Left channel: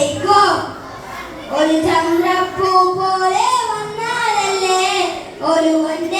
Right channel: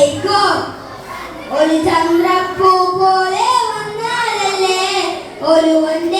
കേൾക്കോ. ഒരു ചന്ദ്രപ്പൂ പോലെ വന്നാലല്ലേ ഒരു പിറന്നതല്ലേ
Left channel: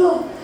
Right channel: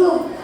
YouTube.